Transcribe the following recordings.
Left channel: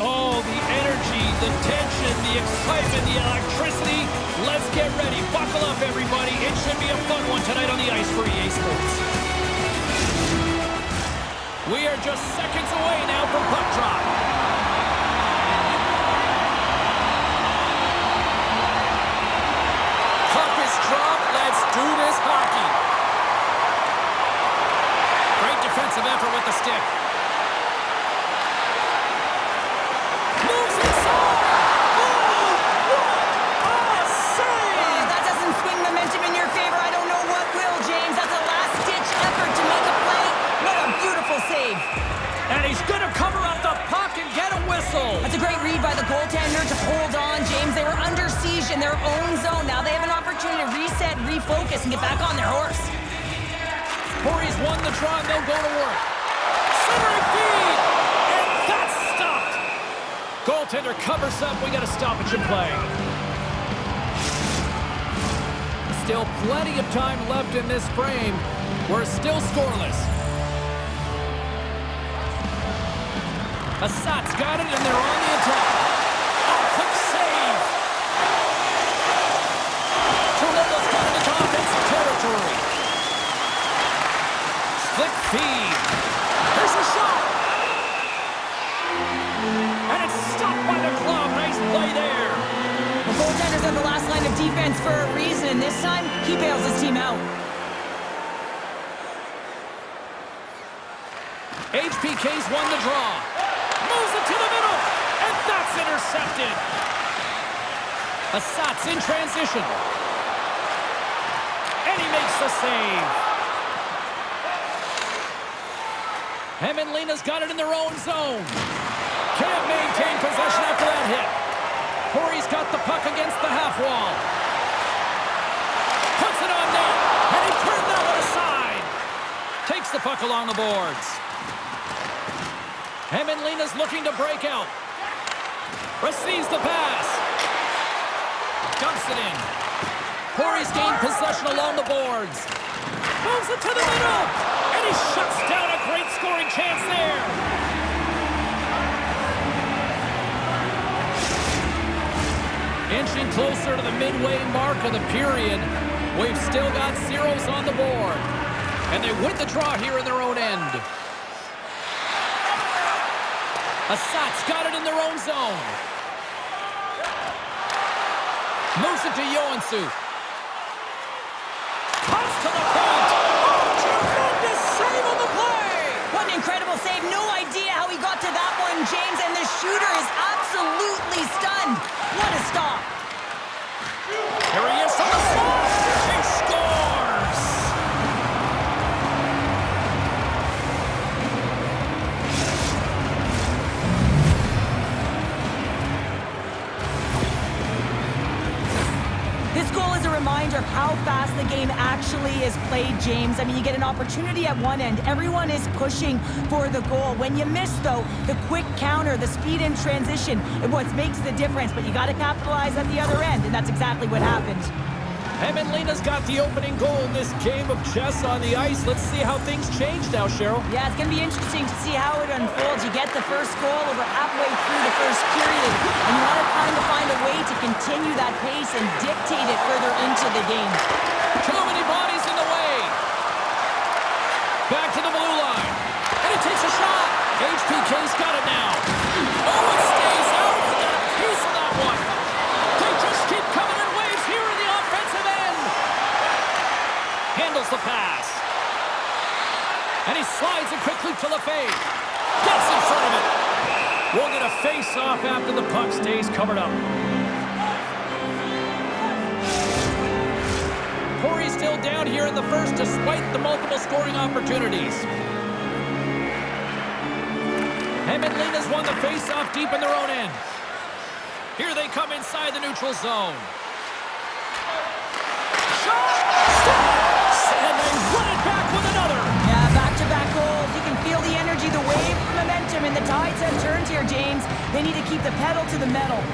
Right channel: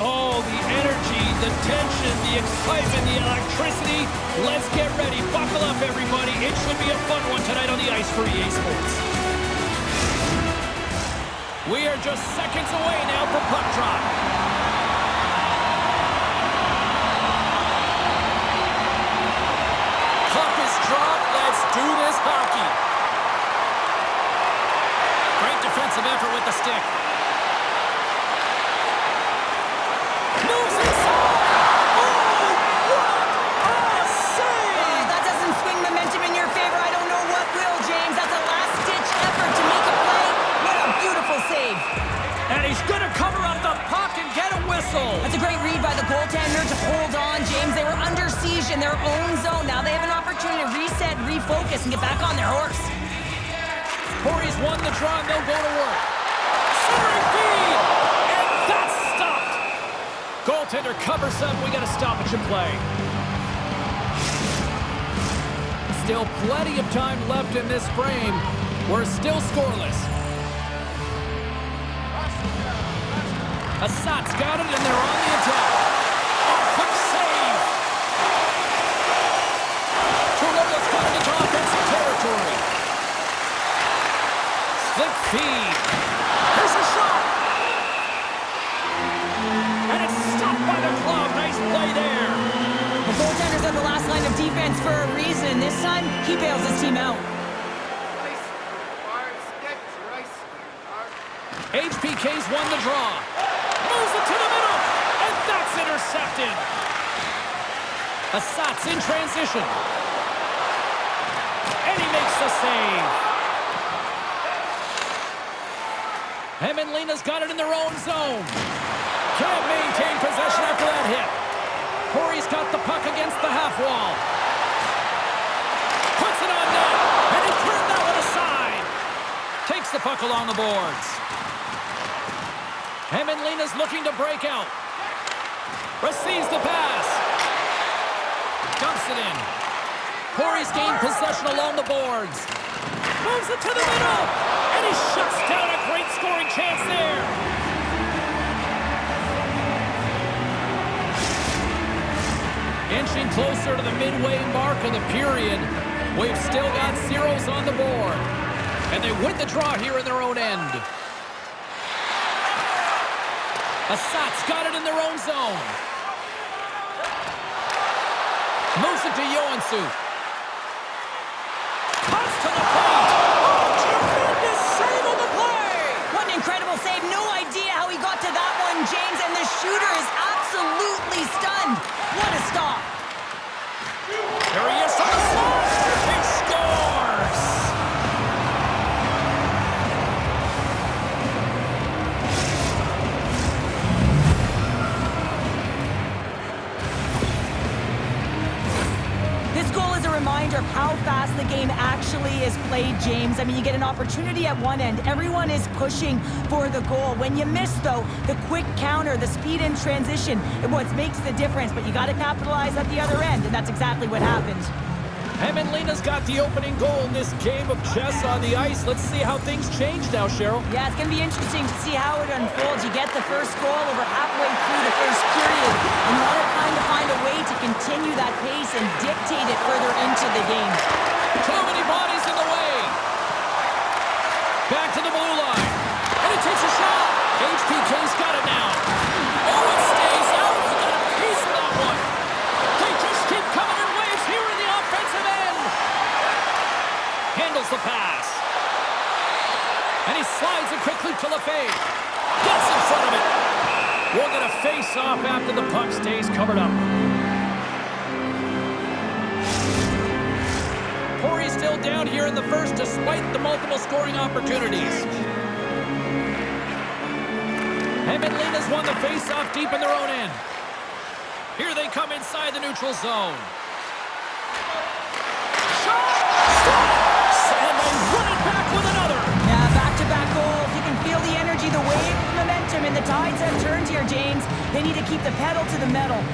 Oh, the energy, the tension, the excitement, the electricity. Let's get ready. Buckle up, everybody. It should be a fun one tonight on the ice for EA Sports. We are just seconds away now from puck drop. Puck is dropped. Let's do this hockey. Great defensive effort with the stick. Moves inside. Oh, what a save! That doesn't swing momentum in your favor. I don't know what will, James. That's a last-ditch effort to make a play. What a beautiful save. And he's going to cover up the puck and get a whistle. That's a great read by the goaltender to hold on, James. They were under siege in their own zone. Now they have an opportunity to reset, refocus, and get back on their horse. Pori's won the draw, and they'll go to work. Centering feed! And that's stopped! Goaltender covers up. We got a stoppage in play. Still plenty of time left in this frame. We're still scoreless. Ässat's got it, and they're on the attack. Oh, quick save! Tuulola's got it into offensive territory. Slick feed. Here's a shot! And it's stopped by the glove. Nice play there. The goaltender's on the last line of defense for a reason. This time, he bails his team out. HPK's won the draw. Moves it to the middle, and that's intercepted. Ässat's in transition. And he makes the save. Hämeenlinna's got it in their own zone. Can't maintain possession after that hit. Pori's got the puck against the half wall. Puts it on net, and he turned that one aside. Takes the puck along the boards. Hämeenlinna's looking to break out. Receives the pass. Dumps it in. Pori's gained possession along the boards. Moves it to the middle. And he shuts down a great scoring chance there. Inching closer to the midway mark of the period. We've still got zeros on the board. And they win the draw here in their own end. Ässat's got it in their own zone. Moves it to Joensuu. Cuts to the paint. Oh, tremendous save on the play. What an incredible save. No idea how he got to that one, James. And the shooter is absolutely stunned. What a stop. Here he is from the slot. He scores. This goal is a reminder of how fast the game actually is played, James. I mean, you get an opportunity at one end. Everyone is pushing for the goal. When you miss, though, the quick counter, the speed in transition, is what makes the difference. But you got to capitalize at the other end, and that's exactly what happened. Hämeenlinna's got the opening goal in this game of chess on the ice. Let's see how things change now, Cheryl. Yeah, it's going to be interesting to see how it unfolds. You get the first goal over halfway through the first period, and you want to kind of find a way to continue that pace and dictate it further into the game. Too many bodies in the way. Back to the blue line. And it takes a shot. HPK's got it now. Oh, it stays out. He got a piece of that one. They just keep coming in waves here in the offensive end. Handles the pass. And he slides it quickly to Lefebvre. Gets in front of it. We'll get a face-off after the puck stays covered up. Pori's still down here in the first despite the multiple scoring opportunities. Hämeenlinna's won the face-off deep in their own end. Here they come inside the neutral zone. Shot! Stops! And they run it back with another. Yeah, back-to-back goals. You can feel the energy, the wave, the momentum, and the tides have turned here, James. They need to keep the pedal to the metal.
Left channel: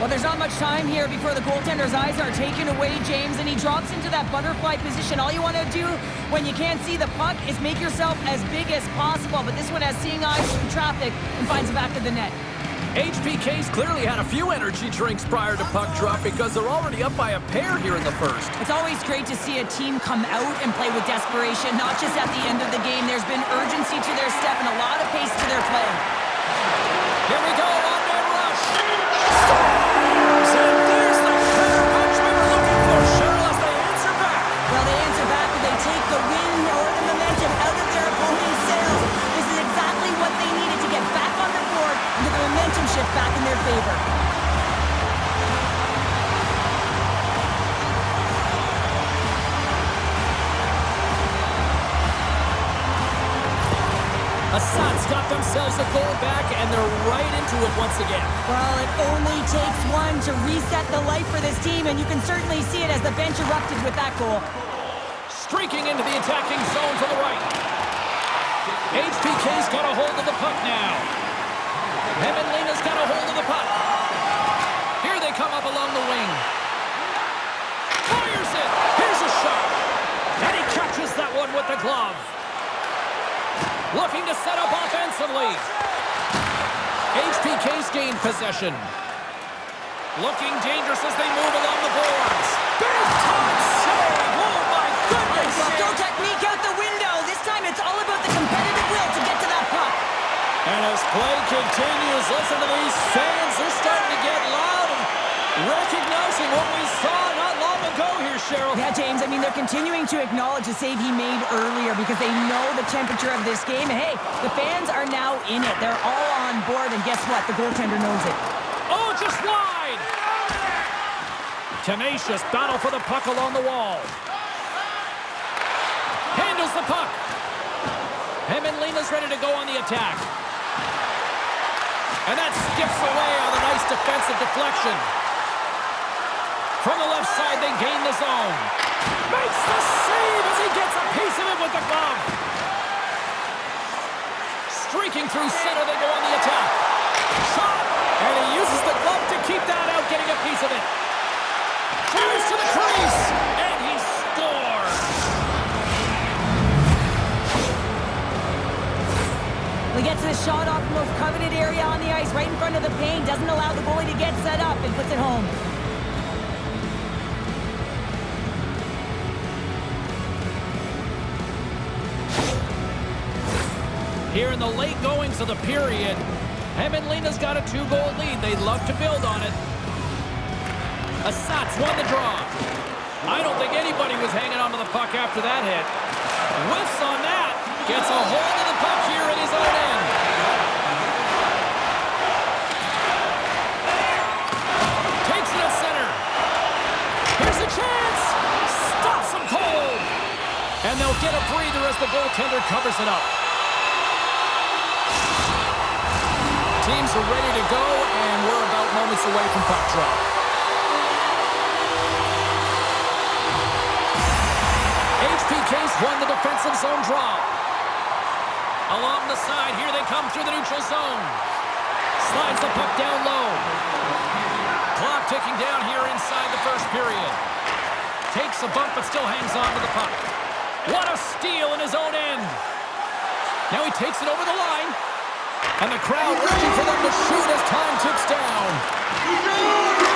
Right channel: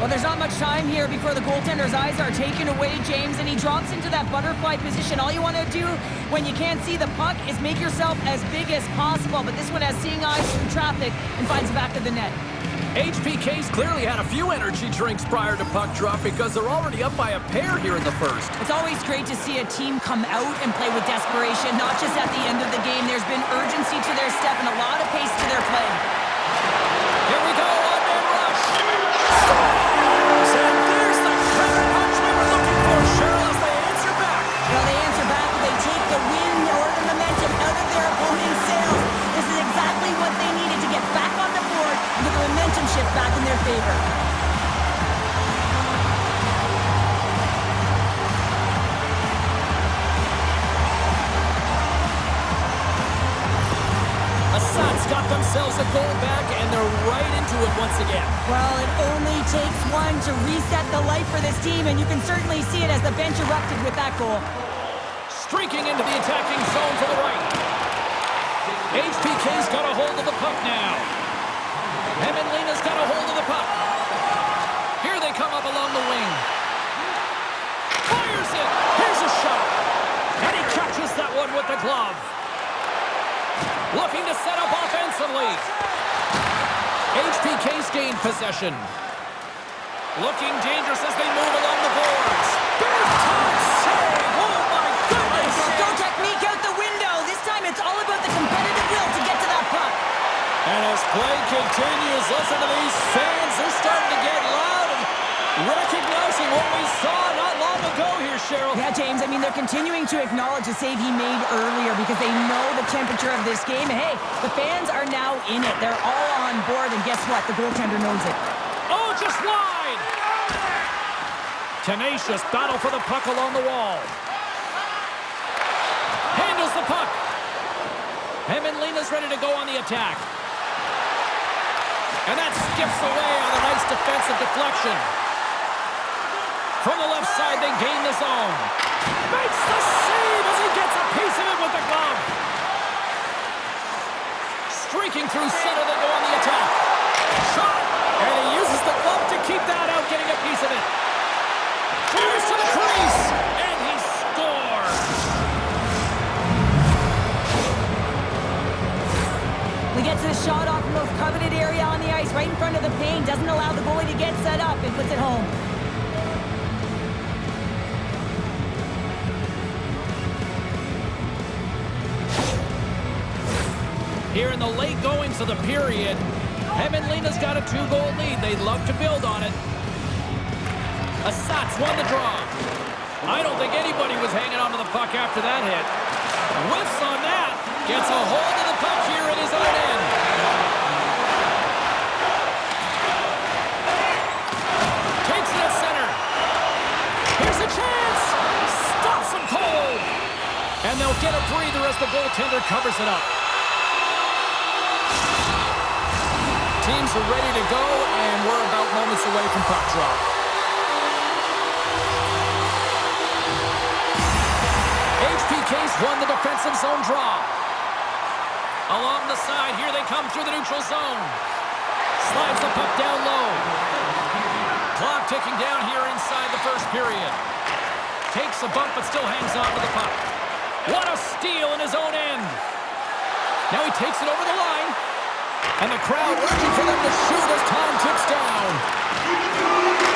Well, there's not much time here before the goaltender's eyes are taken away, James, and he drops into that butterfly position. All you want to do when you can't see the puck is make yourself as big as possible, but this one has seeing eyes through traffic and finds the back of the net. HPK's clearly had a few energy drinks prior to puck drop because they're already up by a pair here in the first. It's always great to see a team come out and play with desperation, not just at the end of the game. There's been urgency to their step and a lot of pace to their play. Here we go, one-man rush. Scores! And there's the counter punch we were looking for, Cheryl, as they answer back. Well, they answer back and they take the wind or the momentum out of their opponent's sails. This is exactly what they needed to get back on the board and get the momentum shift back in their favor. Ässät got themselves a goal back, and they're right into it once again. Well, it only takes one to reset the life for this team, and you can certainly see it as the bench erupted with that goal. Streaking into the attacking zone for the right. HPK's got a hold of the puck now. Hämeenlinna's got a hold of the puck. Here they come up along the wing. Fires it! Here's a shot! And he catches that one with the glove. Looking to set up offensively. HPK's gained possession. Looking dangerous as they move along the boards. Big time save! Oh my goodness! Throw technique out the window. This time it's all about the competitive will to get to that puck. And as play continues, listen to these fans. They're starting to get loud and recognizing what we saw not long ago here, Cheryl. Yeah, James, I mean, they're continuing to acknowledge the save he made earlier because they know the temperature of this game. And hey, the fans are now in it. They're all on board, and guess what? The goaltender knows it. Oh, just wide! Tenacious battle for the puck along the wall. Handles the puck. Hämeenlinna's ready to go on the attack. And that skips away on a nice defensive deflection. From the left side, they gain the zone. Makes the save as he gets a piece of it with the glove. Streaking through center, they go on the attack. Shot! And he uses the glove to keep that out, getting a piece of it. Drives to the crease, and he scores. He gets the shot off the most coveted area on the ice, right in front of the paint. Doesn't allow the goalie to get set up and puts it home. Here in the late goings of the period, Hämeenlinna's got a 2-goal lead. They'd love to build on it. Ässät won the draw. I don't think anybody was hanging onto the puck after that hit. Whiffs on that. Gets a hold of the puck here at his own end. Takes it at center. Here's a chance. Stops him cold. And they'll get a breather as the goaltender covers it up. Teams are ready to go, and we're about moments away from puck drop. HPK's won the defensive zone draw. Along the side, here they come through the neutral zone. Slides the puck down low. Clock ticking down here inside the first period. Takes a bump, but still hangs on to the puck. What a steal in his own end. Now he takes it over the line. And the crowd urging for them to shoot as time ticks down.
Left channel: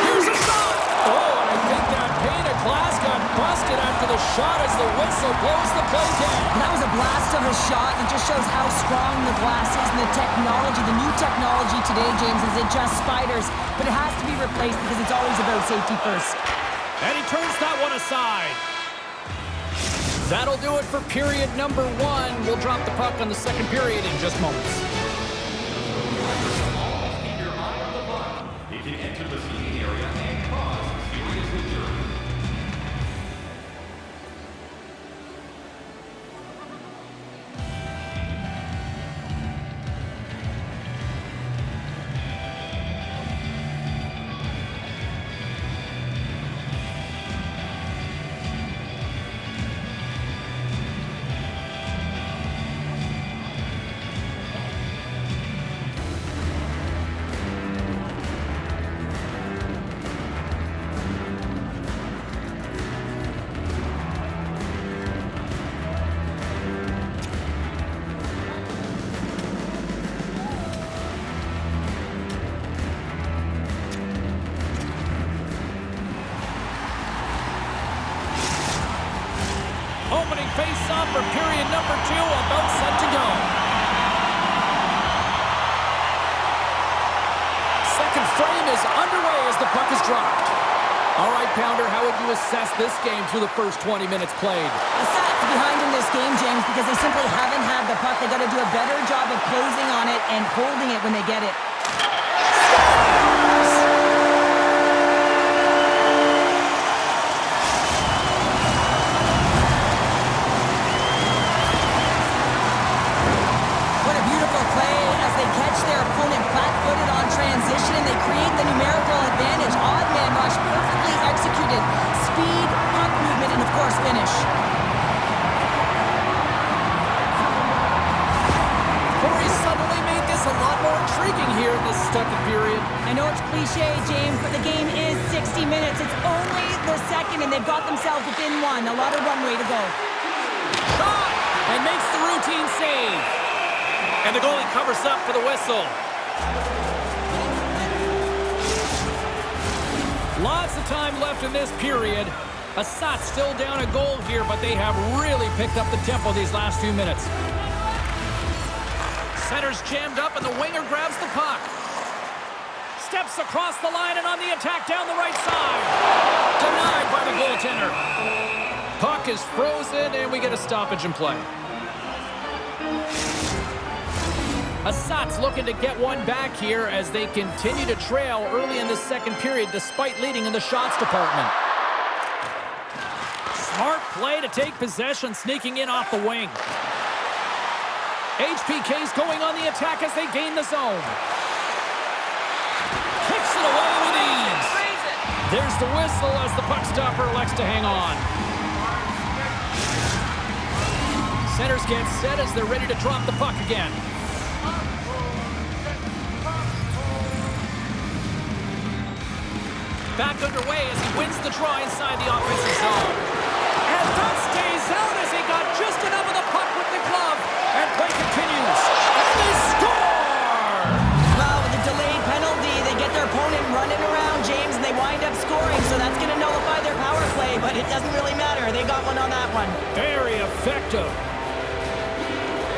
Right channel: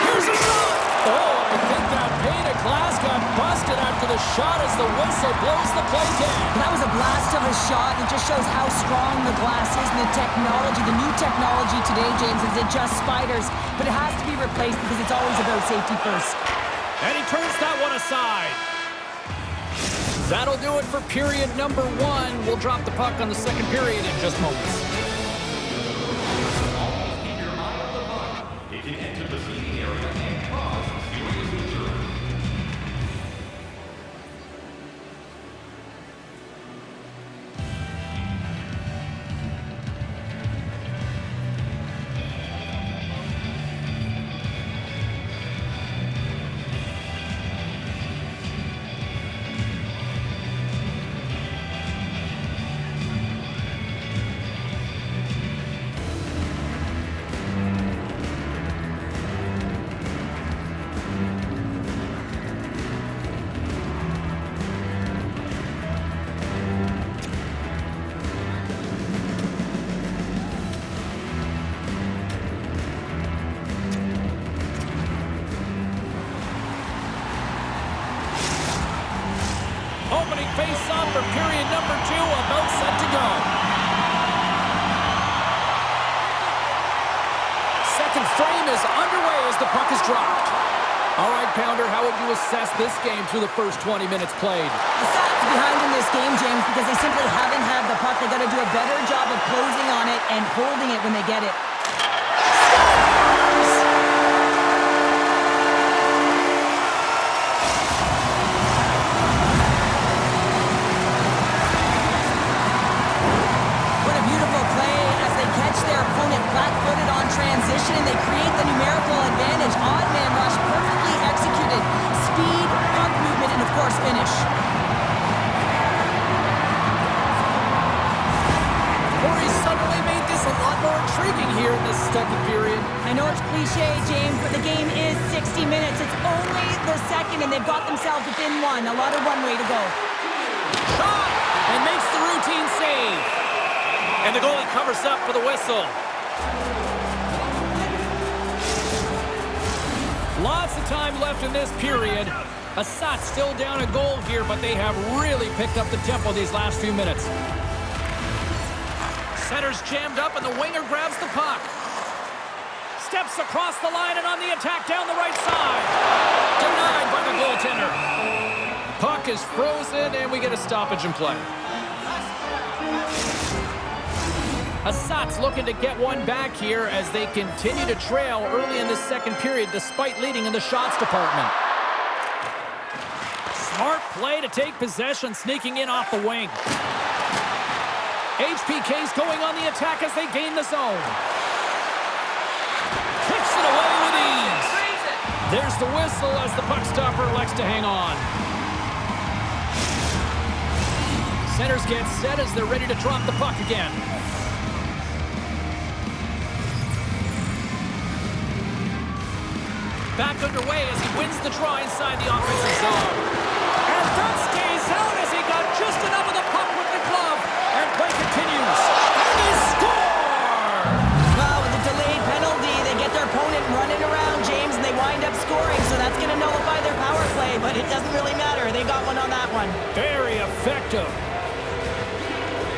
Here's a shot! Oh, and I think that pane of glass got busted after the shot as the whistle blows the play dead. That was a blast of a shot, and it just shows how strong the glass is and the technology, the new technology today, James, is it just spiders, but it has to be replaced because it's always about safety first. And he turns that one aside. That'll do it for period number 1. We'll drop the puck on the second period in just moments. It can enter the seating area and cause serious injury. opening face-off for period number 2, about set to go. Second frame is underway as the puck is dropped. All right, Pounder, how would you assess this game through the first 20 minutes played? The Sats behind in this game, James, because they simply haven't had the puck. They got to do a better job of closing on it and holding it when they get it. What a beautiful play as they catch their opponent flat-footed on transition and they create the numerical advantage. Odd man rush, perfectly executed. Speed, puck movement, and of course finish. Pori suddenly made this a lot more intriguing here in this second period. I know it's cliche, James, but the game is 60 minutes. It's only the second, and they've got themselves within one. A lot of runway to go. Shot! And makes the routine save. And the goalie covers up for the whistle. Lots of time left in this period. Ässät still down a goal here, but they have really picked up the tempo these last few minutes. Center's jammed up, and the winger grabs the puck. Steps across the line and on the attack down the right side. Denied by the goaltender. Puck is frozen, and we get a stoppage in play. Ässat's looking to get one back here as they continue to trail early in the second period despite leading in the shots department. Smart play to take possession, sneaking in off the wing. HPK's going on the attack as they gain the zone. Kicks it away with ease. There's the whistle as the puck stopper elects to hang on. Centers get set as they're ready to drop the puck again. Back underway as he wins the draw inside the offensive zone. And that stays out as he got just enough of the puck with the glove. And play continues. And they score! Well, with the delayed penalty, they get their opponent running around, James, and they wind up scoring. So that's going to nullify their power play, but it doesn't really matter. They got one on that one. Very effective.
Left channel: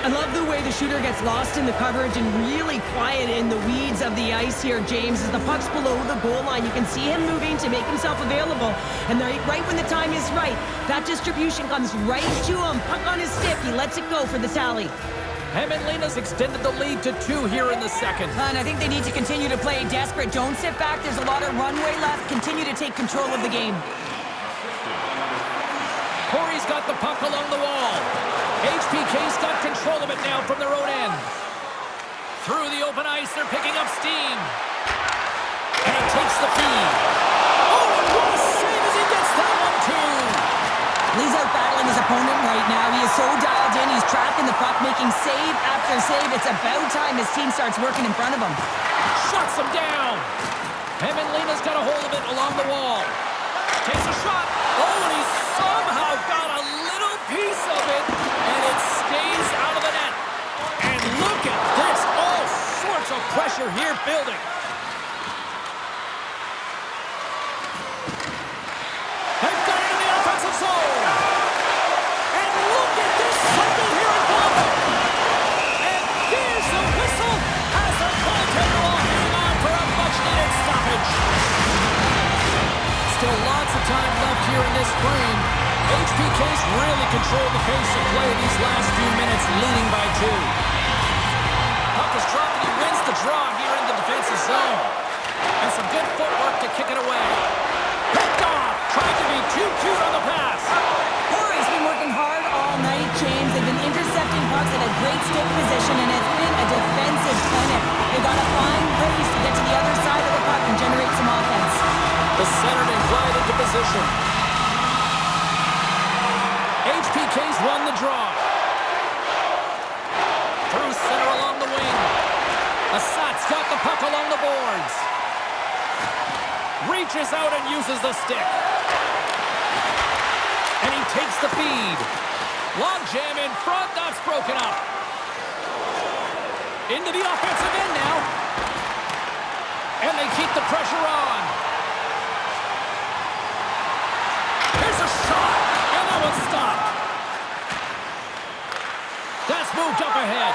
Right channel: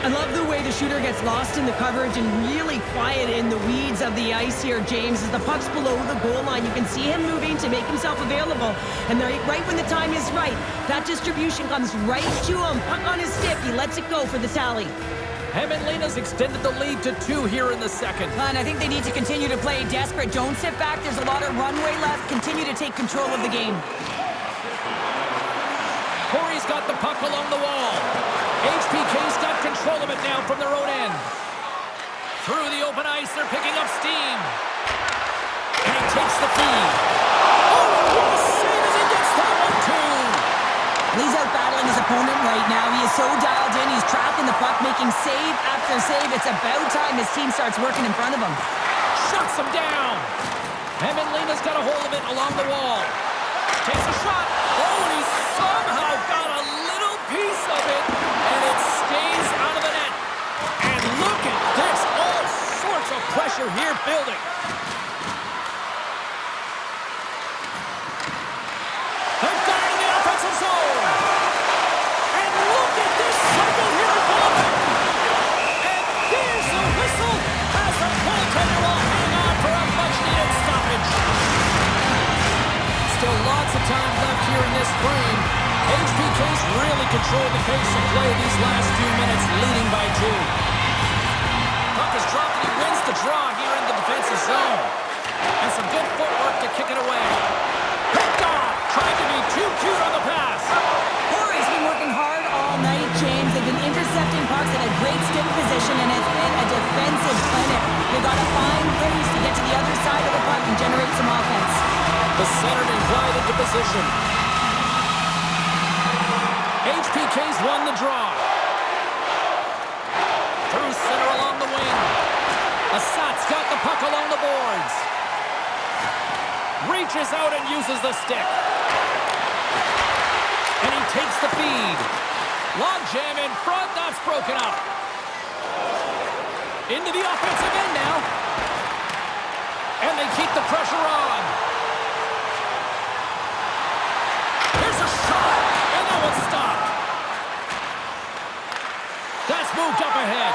I love the way the shooter gets lost in the coverage and really quiet in the weeds of the ice here, James. As the puck's below the goal line, you can see him moving to make himself available. And right when the time is right, that distribution comes right to him. Puck on his stick, he lets it go for the tally. Hämeenlinna's extended the lead to 2 here in the second. And I think they need to continue to play desperate. Don't sit back. There's a lot of runway left. Continue to take control of the game. Pori's got the puck along the wall. HPK's got control of it now from their own end. Through the open ice, they're picking up steam. And he takes the feed. Oh, and what a save as he gets that one, too. He's out battling his opponent right now. He is so dialed in. He's tracking the puck, making save after save. It's about time his team starts working in front of him. Shuts him down. Hämeenlinna's got a hold of it along the wall. Takes a shot. Oh, and he somehow got a little piece of it, and it stays out of the net. And look at this. All sorts of pressure here building. They've got it in the offensive zone. And look at this cycle here in Goalies. And there's the whistle as the goaltender will hang on for a much-needed stoppage. Still lots of time left here in this frame. HPK's really controlled the pace of play these last few minutes, leading by 2. Puck is dropped and he wins the draw here in the defensive zone. And some good footwork to kick it away. Picked off, trying to be too cute on the pass. Pori's been working hard all night, James. They've been intercepting pucks at a great stick position, and it's been a defensive clinic. They've got to find ways to get to the other side of the puck and generate some offense. The centerman glide into position. HPK's won the draw. Through center along the wing. Ässat's got the puck along the boards. Reaches out and uses the stick. And he takes the feed. Long jam in front, that's broken up. Into the offensive end now. And they keep the pressure on. Here's a shot, and that one's stopped. moved up ahead.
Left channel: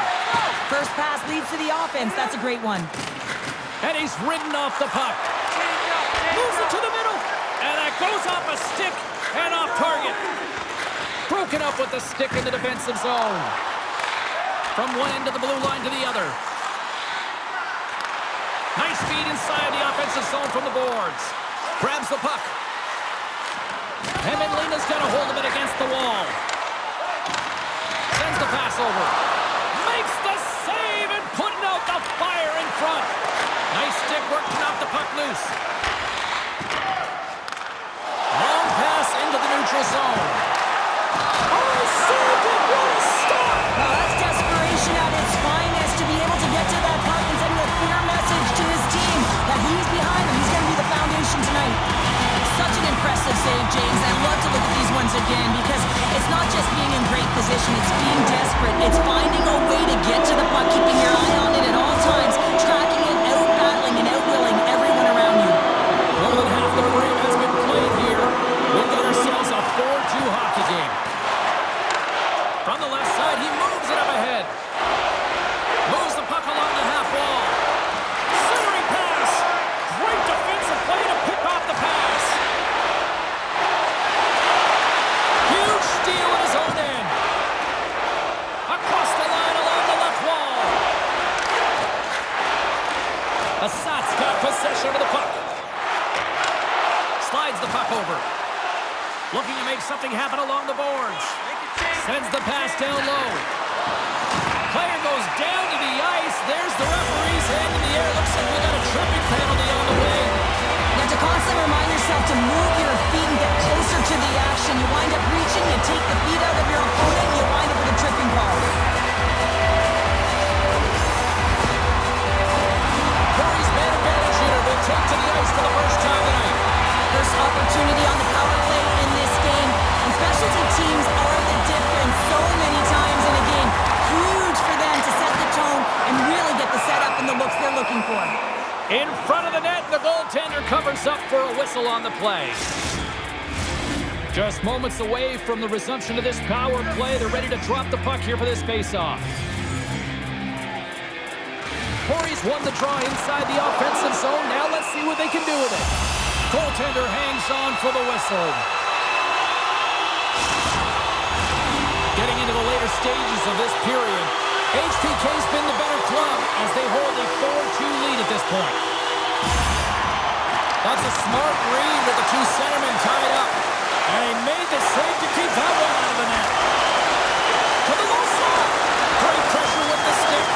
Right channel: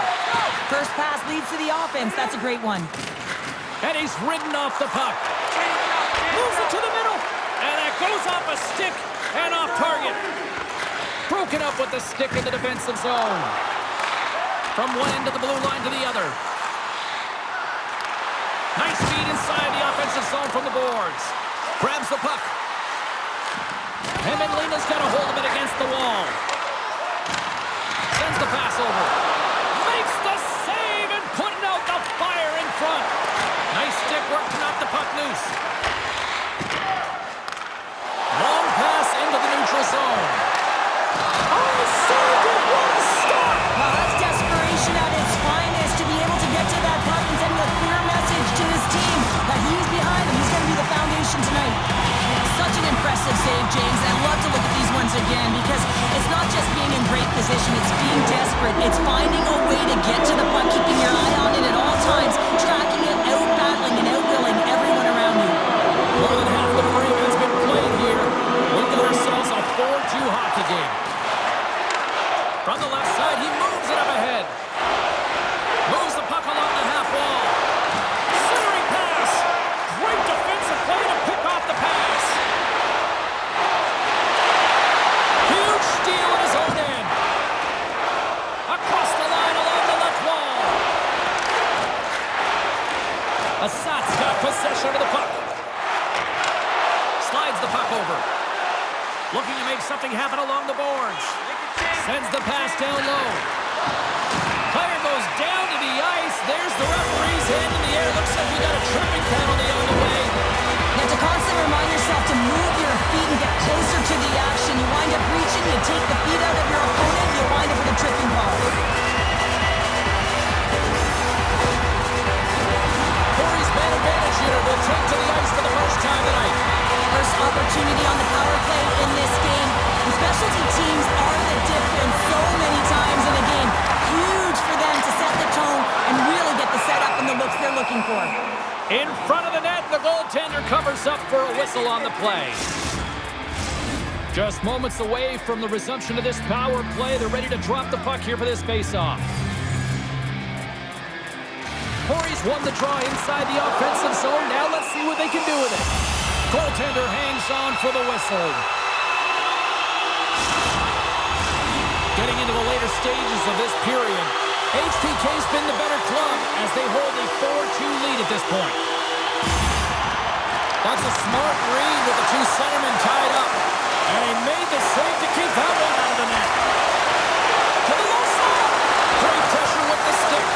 First pass leads to the offense. That's a great one. And he's ridden off the puck. Moves it to the middle. And that goes off a stick and off target. Broken up with the stick in the defensive zone. From one end of the blue line to the other. Nice feed inside the offensive zone from the boards. Grabs the puck. Hämeenlinna's got a hold of it against the wall. Sends the pass over. Makes the save and putting out the fire in front. Nice stick work to knock the puck loose. Long pass into the neutral zone. Oh, saved it! What a stop! Well, that's desperation at its finest to be able to get to that puck and send a clear message to his team that he's behind him. He's going to be the foundation tonight. Such an impressive save, James. I love to look at these ones again because it's not just being in great position, it's being desperate. It's finding a way to get to the puck, keeping your eye on it at all times, tracking it, out-battling and out-willing everyone around you. More than half the frame has been played here. We've got ourselves a 4-2 hockey game. From the left side, he moves it up ahead. Moves the puck along the half wall. Centering pass. Great defensive play to pick off the pass. Huge steal at his own end. Across the line along the left wall. Ässat's got possession of the puck. Slides the puck over. Looking to make something happen along the boards. Sends the pass down low. Player goes down to the ice. There's the referee's hand in the air. Looks like we got a tripping penalty on the way. You have to constantly remind yourself to move your feet and get closer to the action. You wind up reaching, you take the feet out of your opponent, you wind up with a tripping call. Pori's man advantage hitter will take to the ice for the first time tonight. First opportunity on the power play in this game. And specialty teams are the difference so many times in a game. Huge for them to set the tone and really get the setup and the looks they're looking for. In front of the net, the goaltender covers up for a whistle on the play. Just moments away from the resumption of this power play. They're ready to drop the puck here for this face-off. Pori's won the draw inside the offensive zone. Now let's see what they can do with it. Goaltender hangs on for the whistle. Getting into the later stages of this period, HPK's been the better club as they hold a 4-2 lead at this point. That's a smart read with the two centermen tied up. And he made the save to keep that one out of the net. To the low slot. Great pressure with the stick.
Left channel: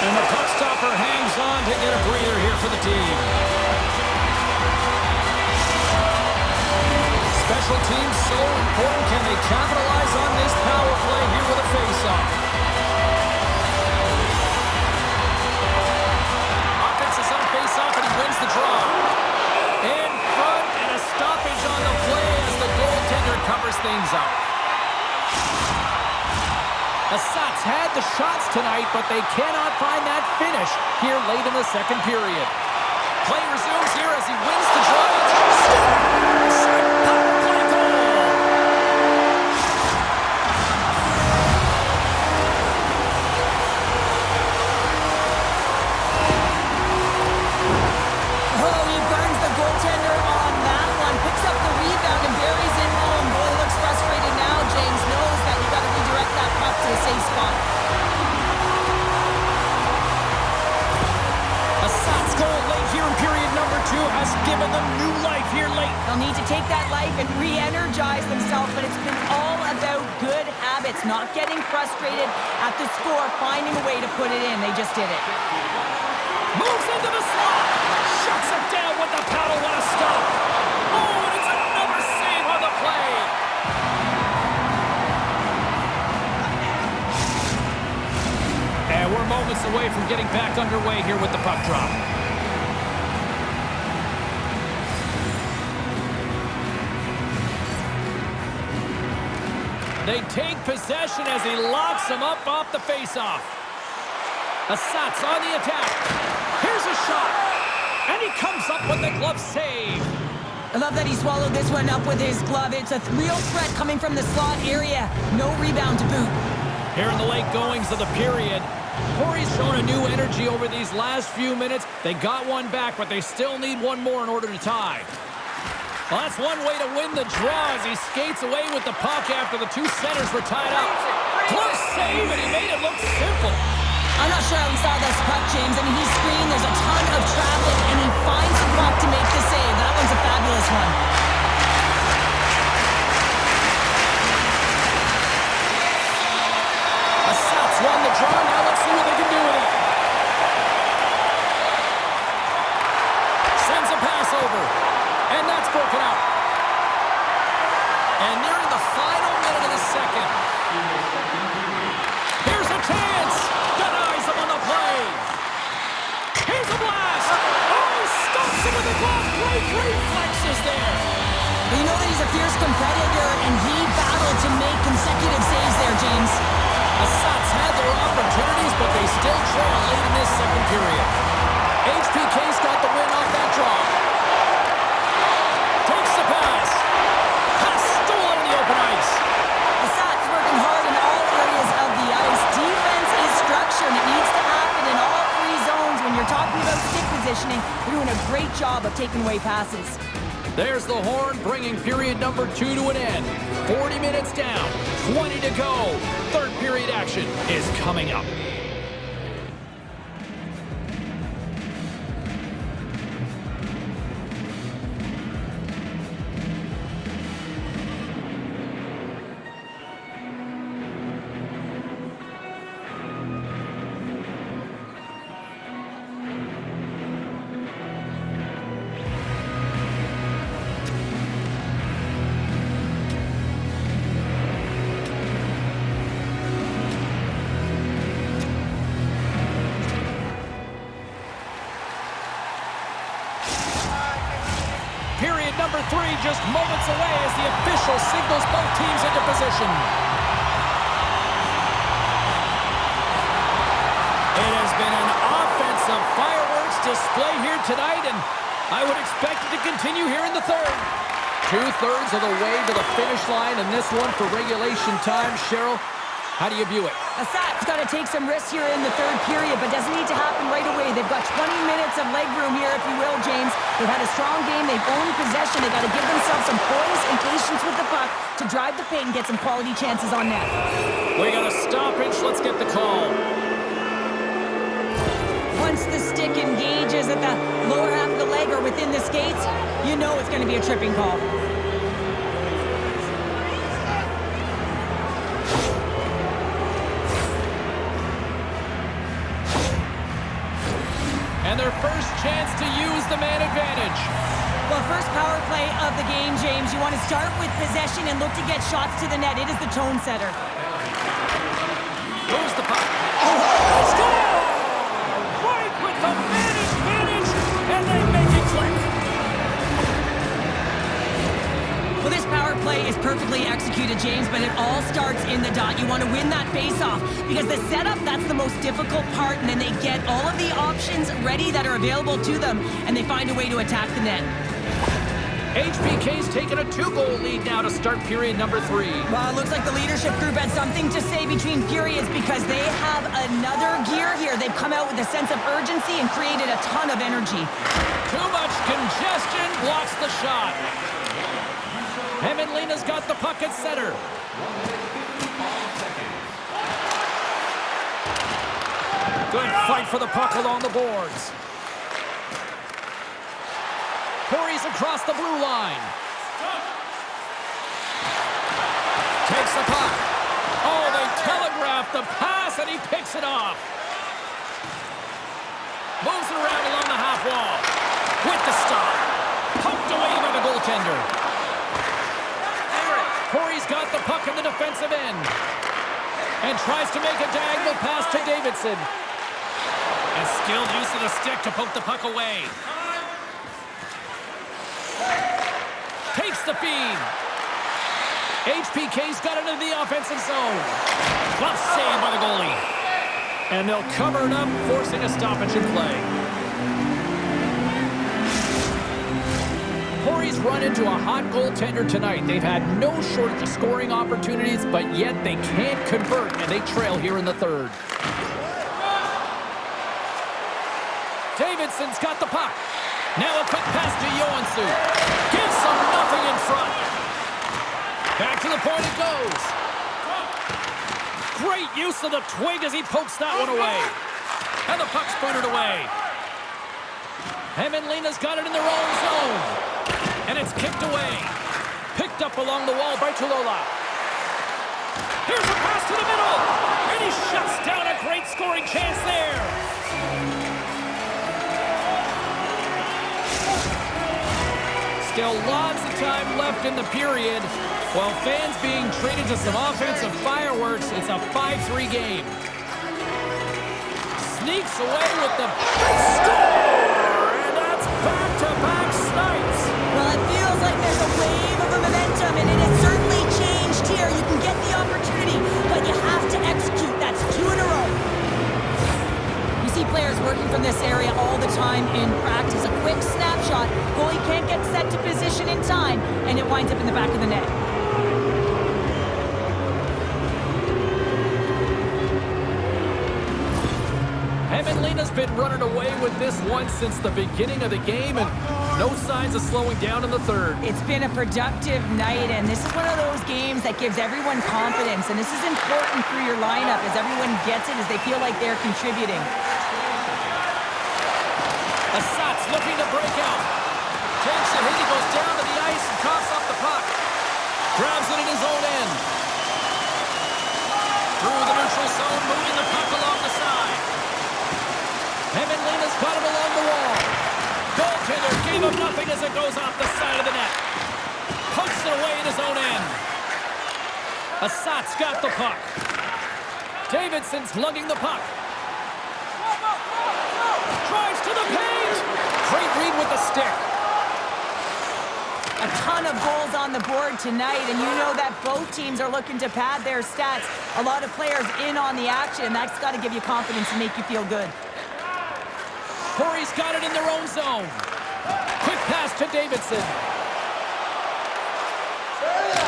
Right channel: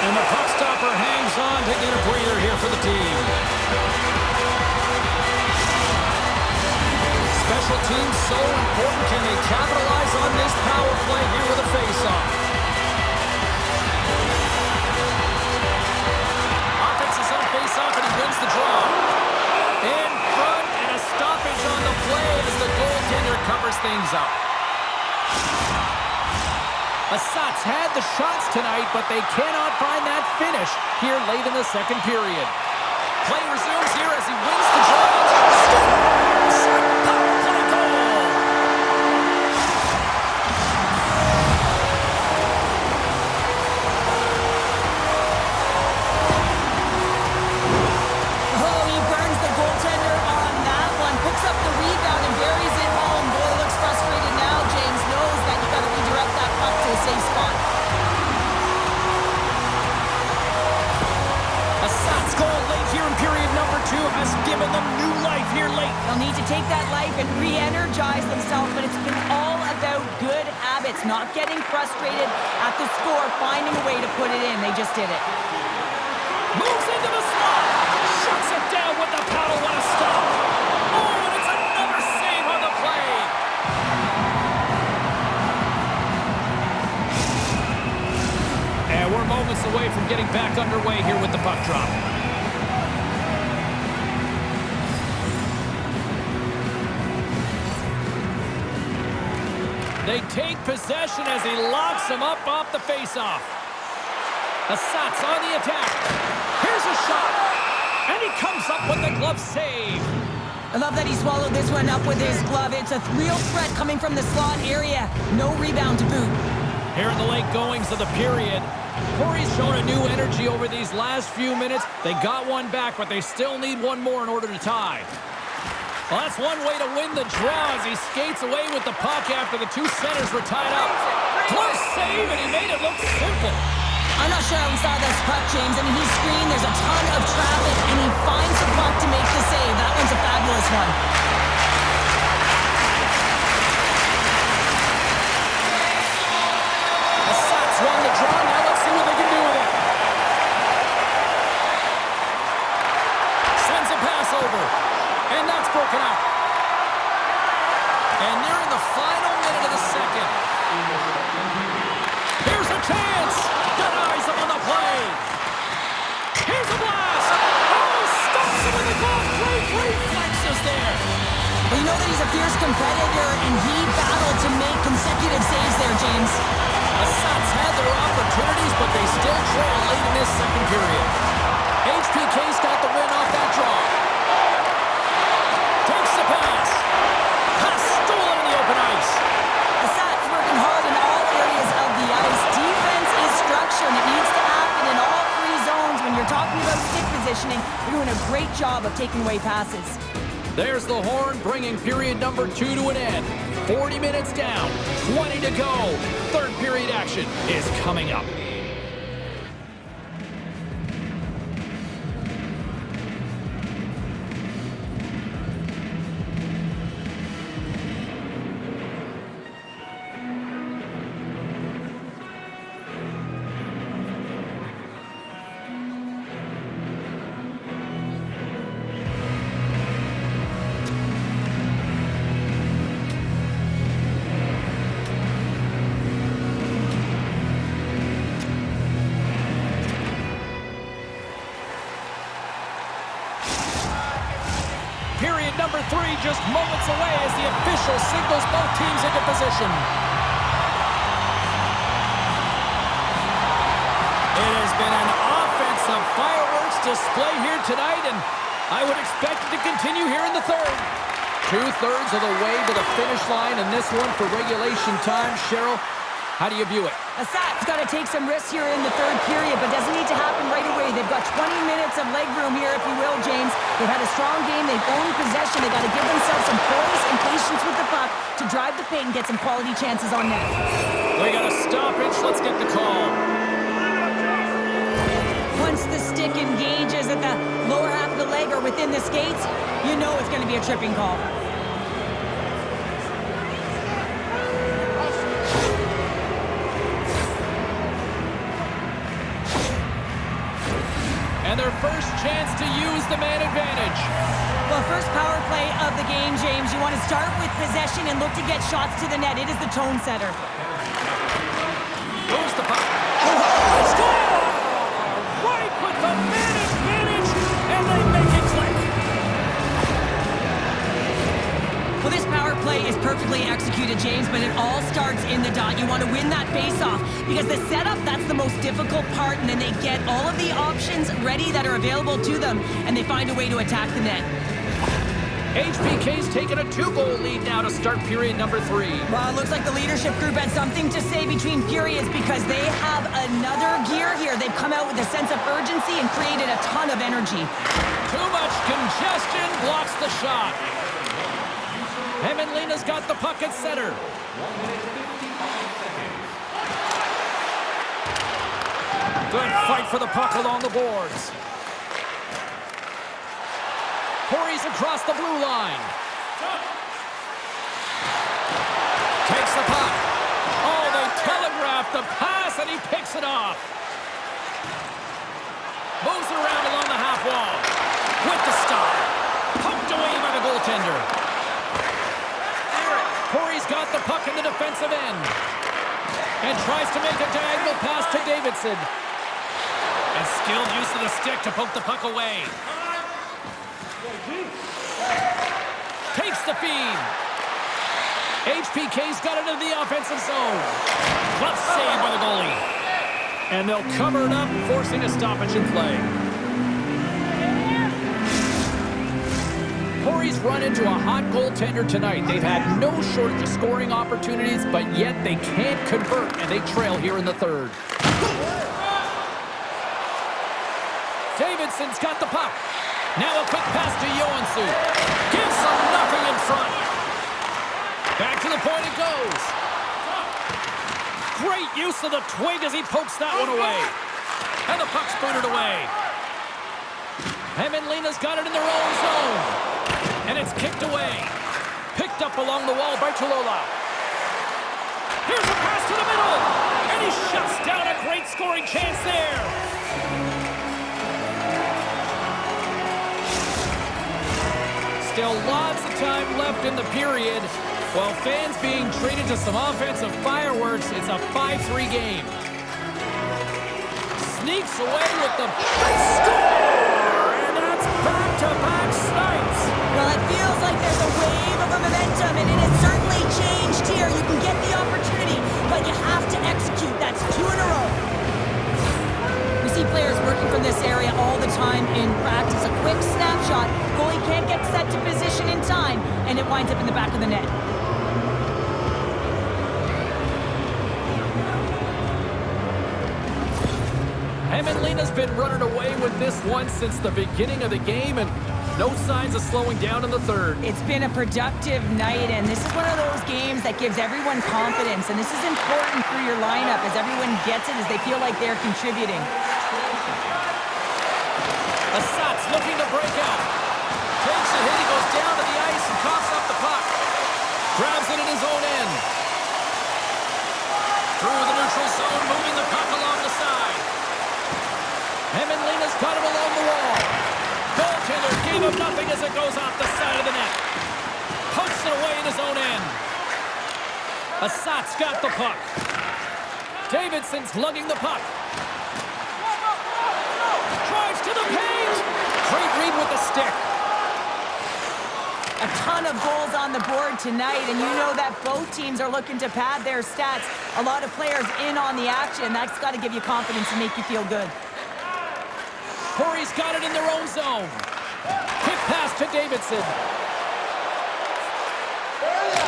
And the puck stopper hangs on to get a breather here for the team. Special teams so important. Can they capitalize on this power play here with a face-off? Offense is on face-off and he wins the draw. In front and a stoppage on the play as the goaltender covers things up. Ässat's had the shots tonight, but they cannot find that finish here late in the second period. Play resumes here as he wins the draw. Scores! Power play goal! Oh, he burns the goaltender on that one. Picks up the rebound and buries it home. Goalie looks frustrated now. James knows that you got to redirect that puck to a safe spot. Ässat's goal late here in period number 2 has given them new life here late. They'll need to take that life and re-energize themselves, but it's been all about good habits, not getting frustrated at the score, finding a way to put it in. They just did it. Moves into the slot. Shuts it down with the paddle. What a stop. Oh, and it's another save on the play. And we're moments away from getting back underway here with the puck drop. They take possession as he locks him up off the faceoff. Ässat's on the attack. Here's a shot. And he comes up with the glove save. I love that he swallowed this one up with his glove. It's a real threat coming from the slot area. No rebound to boot. Here in the late goings of the period, Pori's shown a new energy over these last few minutes. They got one back, but they still need one more in order to tie. Well, that's one way to win the draw as he skates away with the puck after the two centers were tied up. Close save, and he made it look simple. I'm not sure how he saw this puck, James. I mean, he screened, there's a ton of traffic, and he finds the puck to make the save. That one's a fabulous one. Ässät won the draw. Now let's see what they can do with it. Sends a pass over. And that's broken out. And nearing the final minute of the second. Here's a chance. Denies him on the play. Here's a blast. Oh, stops him with the glove. Great reflexes there. Well, you know that he's a fierce competitor, and he battled to make consecutive saves there, James. Ässät had their opportunities, but they still trail late in this second period. HPK's got the win off that draw. Takes the pass. Pass stolen in the open ice. Ässat's working hard in all areas of the ice. Defense is structure, and it needs to happen in all three zones. When you're talking about stick positioning, they're doing a great job of taking away passes. There's the horn, bringing period number 2 to an end. 40 minutes down, 20 to go. Third period action is coming up. Period number 3 just moments away as the official signals both teams into position. It has been an offensive fireworks display here tonight, and I would expect it to continue here in the third. 2/3 of the way to the finish line, and this one for regulation time. Cheryl, how do you view it? Ässat's got to take some risks here in the third period, but doesn't need to happen right away. They've got 20 minutes of leg room here, if you will, James. They've had a strong game. They've owned possession. They've got to give themselves some poise and patience with the puck to drive the paint and get some quality chances on net. We got a stoppage. Let's get the call. Once the stick engages at the lower half of the leg or within the skates, you know it's going to be a tripping call. And their first chance to use the man advantage. Well, first power play of the game, James. You want to start with possession and look to get shots to the net. It is the tone setter. Moves the puck. Oh, score! Right with the man advantage, and they make it click. Well, this power play is perfectly executed, James, but it all starts in the dot. You want to win that face-off because the setup, that's the most difficult part, and then they get all of the options ready that are available to them, and they find a way to attack the net. HPK's taken a 2-goal lead now to start period number 3. Well, it looks like the leadership group had something to say between periods because they have another gear here. They've come out with a sense of urgency and created a ton of energy. Too much congestion blocks the shot. Hämeenlinna's got the puck at center. 1 minute, 55 seconds. Good fight for the puck along the boards. Pori's across the blue line. Takes the puck. Oh, they telegraphed the pass, and he picks it off. Moves it around along the half wall. With the stop. Poked away by the goaltender. Pori's got the puck in the defensive end. And tries to make a diagonal pass to Davidson. And skilled use of the stick to poke the puck away. Takes the feed. HPK's got it into the offensive zone. Glove save by the goalie. And they'll cover it up, forcing a stoppage in play. Pori's run into a hot goaltender tonight. They've had no shortage of scoring opportunities, but yet they can't convert, and they trail here in the third. Davidson's got the puck. Now a quick pass to Joensuu. Gives them nothing in front. Back to the point it goes. Great use of the twig as he pokes that one away. And the puck's booted away. Hämeenlinna's got it in their own zone. And it's kicked away. Picked up along the wall by Tuulola. Here's a pass to the middle. And he shuts down a great scoring chance there. Still lots of time left in the period. While fans being treated to some offensive fireworks, it's a 5-3 game. Sneaks away with the score! And that's back-to-back snipes. Well, it feels like there's a wave of momentum, and it has certainly changed here. You can get the opportunity, but you have to execute. That's 2 in a row. We see players working from this area all the time in practice. A quick snapshot. Goalie can't get set to position in time, and it winds up in the back of the net. Hämeenlinna's been running away with this one since the beginning of the game, and no signs of slowing down in the third. It's been a productive night, and this is one of those games that gives everyone confidence, and this is important for your lineup as everyone gets it, as they feel like they're contributing. Ässät looking to break out. Takes a hit, he goes down to the ice and coughs up the puck. Grabs it in his own end. Through the neutral zone, moving the puck along the side. Hämeenlinna's got it along the wall. Goaltender gave him nothing as it goes off the side of the net. Pokes it away in his own end. Ässat's got the puck. Davidson's lugging the puck. Drives to the paint. Great read with the stick. A ton of goals on the board tonight, and you know that both teams are looking to pad their stats. A lot of players in on the action. That's got to give you confidence and make you feel good. Pori's got it in their own zone. Quick pass to Davidson.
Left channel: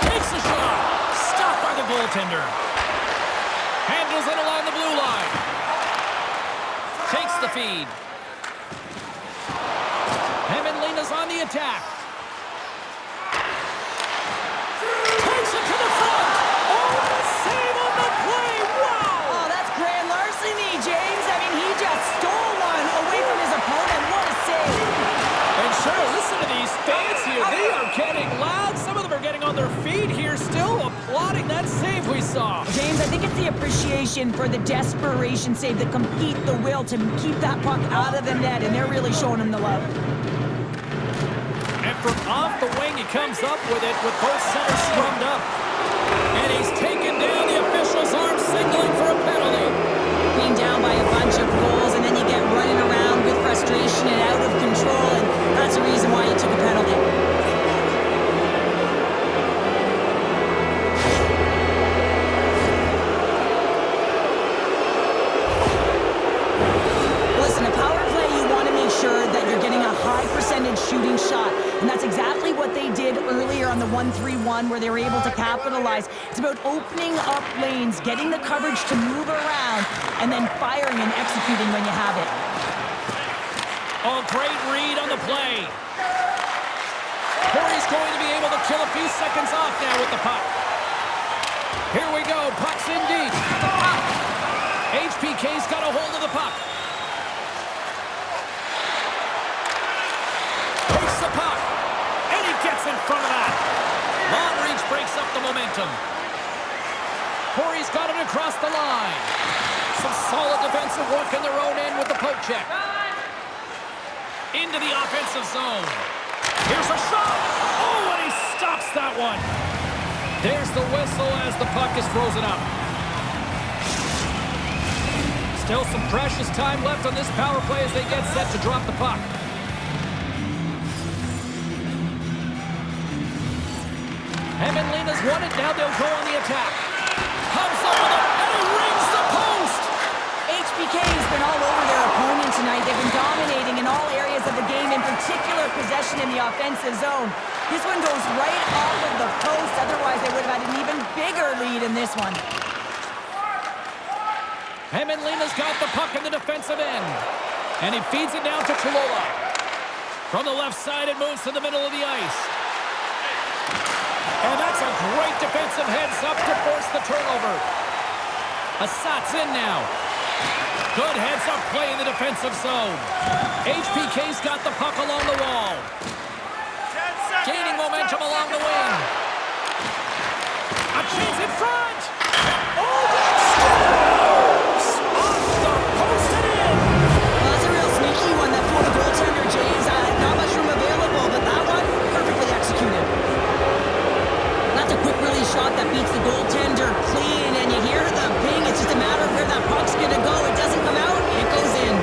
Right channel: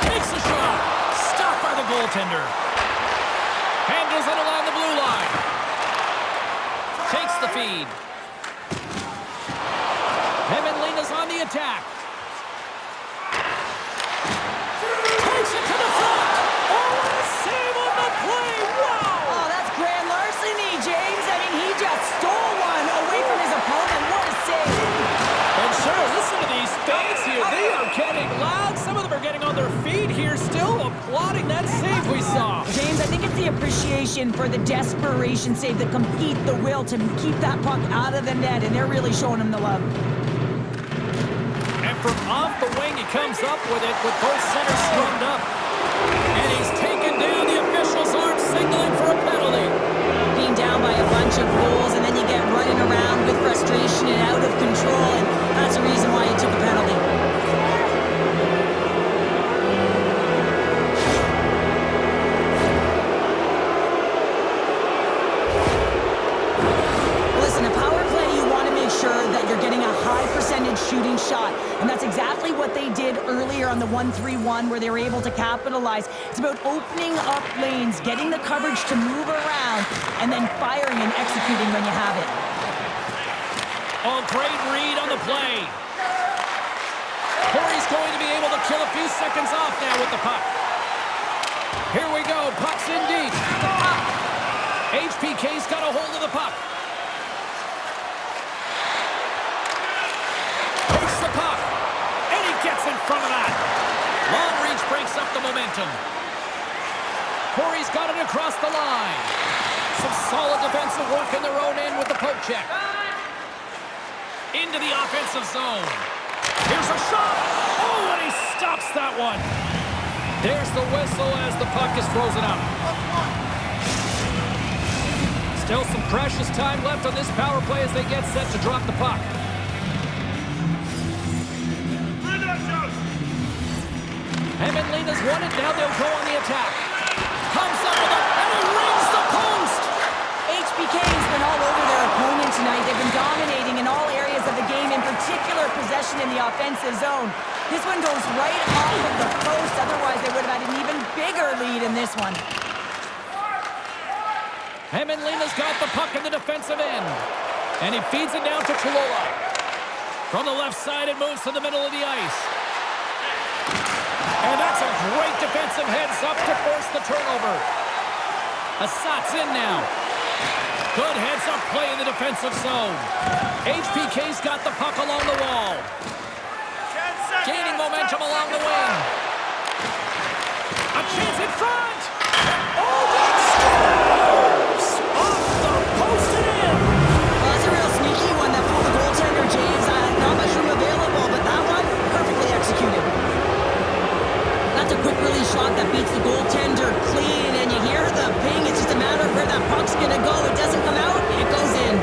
Takes a shot. Stopped by the goaltender. Handles it along the blue line. Takes the feed. Hämeenlinna's on the attack. Takes it to the front. Oh, what a save on the play. Wow. Oh, that's grand larceny, James. I mean, he just stole one away from his opponent. What a save. And sure, listen to these fans here. They are getting loud. Some of them are getting on their feet here, still applauding that save we saw. James, I think it's the appreciation for the desperation save, the compete, the will to keep that puck out of the net, and they're really showing him the love. And from off the wing, he comes up with it with both centers strummed up. And he's taken down. The official's arm signaling for a penalty. Being down by a bunch of goals, and then you get running around with frustration and out of control, and that's the reason why he took a penalty. Listen, a power play, you want to make sure that you're getting a high percentage shooting shot, and that's exactly what they did earlier on the 1-3-1 where they were able to capitalize. It's about opening up lanes, getting the coverage to move around, and then firing and executing when you have it. Oh, great read on the play. Pori's going to be able to kill a few seconds off now with the puck. Here we go, puck's in deep. HPK's got a hold of the puck. Takes the puck, and he gets in front of that. Long reach breaks up the momentum. Pori's got it across the line. Some solid defensive work in their own end with the poke check. Into the offensive zone. Here's a shot. Oh, and he stops that one. There's the whistle as the puck is frozen up. Still some precious time left on this power play as they get set to drop the puck. Hämeenlinna's won it. Now they'll go on the attack. Comes up with it, and he rings the post. HPK has been all over their opponent tonight. They've been dominating in all areas areas of the game, in particular possession in the offensive zone. This one goes right off of the post. Otherwise, they would have had an even bigger lead in this one. Hämeenlinna's got the puck in the defensive end. And he feeds it down to Tuulola. From the left side, it moves to the middle of the ice. And that's a great defensive heads-up to force the turnover. Ässät's in now. Good heads-up play in the defensive zone. HPK's got the puck along the wall. Gaining momentum along the wing. A chance in front. Oh, that scores! Off the post and in. Well, that's a real sneaky one that fooled the goaltender, James. Not much room available, but that one, perfectly executed. That's a quick release shot that beats the goaltender clean, and you hear the ping. It's just a matter of where that puck's going to go. It doesn't come out, it goes in.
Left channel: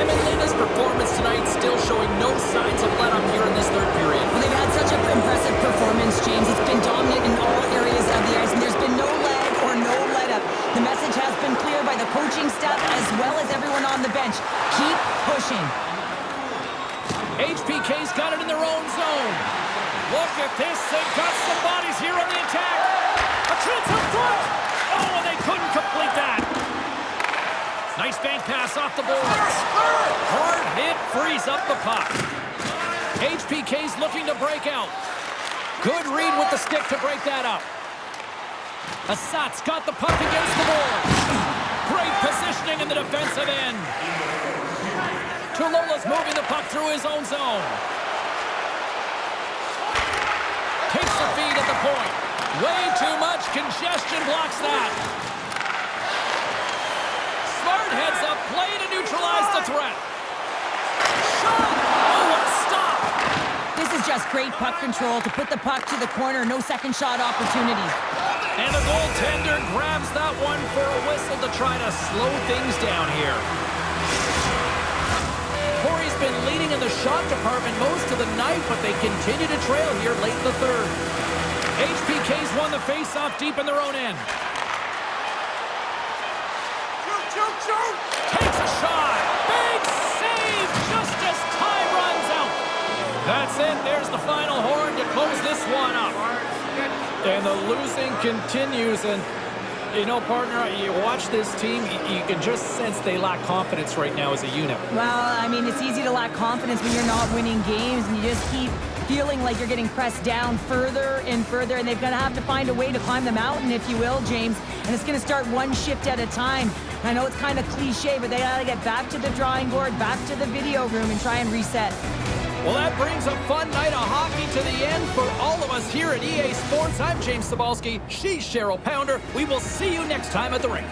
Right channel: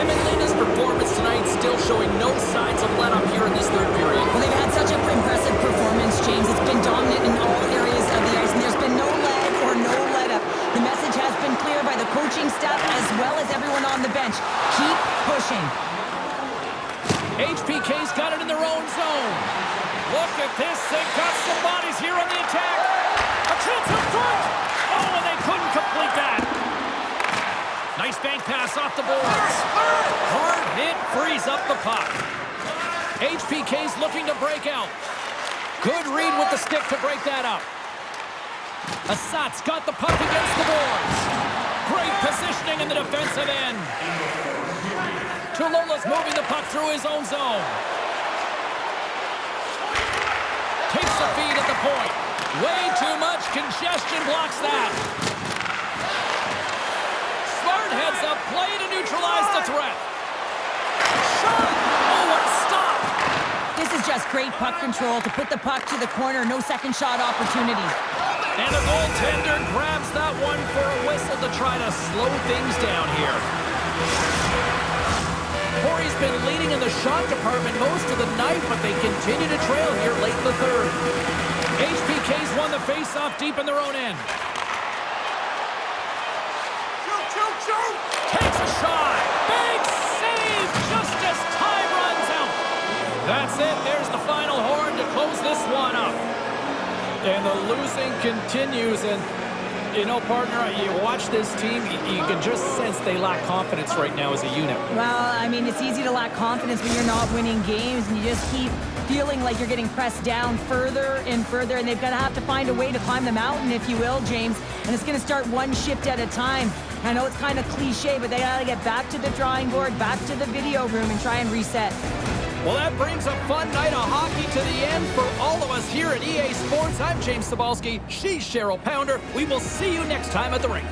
Hämeenlinna's performance tonight still showing no signs of let-up here in this third period. Well, they've had such an impressive performance, James. It's been dominant in all areas of the ice, and there's been no lag or no let-up. The message has been clear by the coaching staff as well as everyone on the bench. Keep pushing. HPK's got it in their own zone. Look at this. They've got some bodies here on the attack. A chance in front. Oh, and they couldn't complete that. Nice bank pass off the boards. Hard hit frees up the puck. HPK's looking to break out. Good read with the stick to break that up. Ässät's got the puck against the boards. Great positioning in the defensive end. Tuulola's moving the puck through his own zone. Takes the feed at the point. Way too much congestion blocks that. Smart heads up play to neutralize the threat. Shot! Oh, what a stop! This is just great puck control to put the puck to the corner. No second shot opportunity. And the goaltender grabs that one for a whistle to try to slow things down here. Pori's been leading in the shot department most of the night, but they continue to trail here late in the third. HPK's won the face-off deep in their own end. Shoot! Takes a shot. Big save just as time runs out. That's it. There's the final horn to close this one up. And the losing continues. And, you know, partner, you watch this team, you can just sense they lack confidence right now as a unit. Well, I mean, it's easy to lack confidence when you're not winning games and you just keep feeling like you're getting pressed down further and further, and they've got to have to find a way to climb the mountain, if you will, James. And it's going to start one shift at a time. I know it's kind of cliche, but they got to get back to the drawing board, back to the video room, and try and reset. Well, that brings a fun night of hockey to the end for all of us here at EA Sports. I'm James Cybulski. She's Cheryl Pounder. We will see you next time at the rink.